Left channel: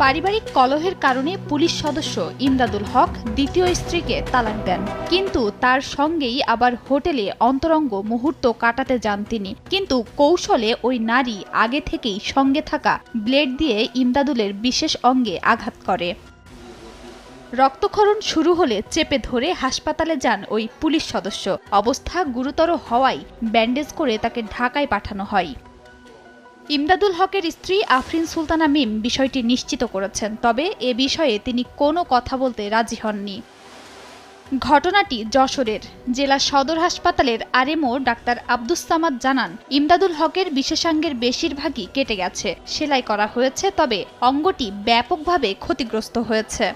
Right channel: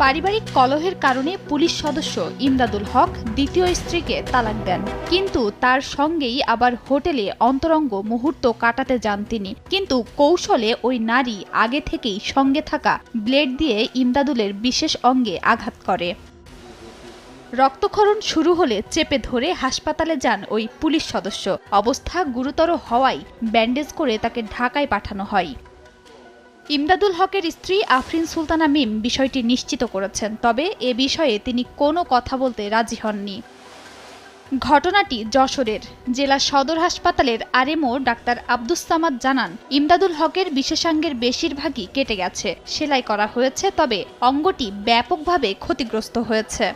পারিবারিক কলহের কারণে পুলিশ সদস্য ইমদাদুল হক দ্বিতীয় স্ত্রীকে তালাক দেন, কিন্তু তার সঙ্গেই আবার হোটেলে অন্তরঙ্গ মুহূর্ত কাটাতে যান তিনি। কিন্তু কৌশলে ওই নারী আগে থেকেই সঙ্গে থাকা ব্লেড দিয়ে ইমদাদুলের বিশেষ অঙ্গে আঘাত করে। রক্তক্ষরণ শুরু হলে চেপে ধরে হাসপাতালে যান ওই পুলিশ সদস্য। অবস্থা গুরুতর হওয়ায় ব্যান্ডেজ করে তাকে ঢাকায় পাঠানো হয়। ইমদাদুল হকের স্ত্রী আফরিন সুলতানা মিম বিষয়টি নিশ্চিত করেছেন, তবে এ বিষয়ে তিনি কোনো কথা বলতে রাজি হননি। ঘটনাটি যশোরের জেলা সদর হাসপাতালের আরএমও ডাক্তার আব্দুস সামাদ জানান, ইমদাদুল হকের বিশেষাঙ্গের বেশিরভাগই কেটে গেছে, সেলাই করা হয়েছে, তবে অঙ্গটি ব্যাপকভাবে ক্ষতিগ্রস্ত হয়েছে।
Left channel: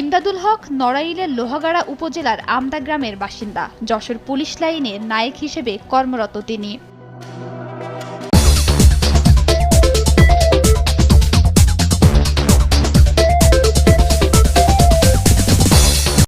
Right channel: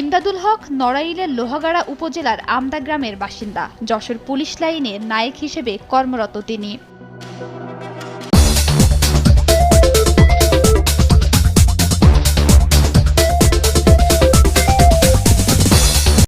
ইমদাদুল হক নড়াইলের লোহাগাড়া উপজেলার আমদা গ্রামের বাসিন্দা। যশোর পুলিশ লাইনে নায়েক হিসেবে কর্মরত তিনি।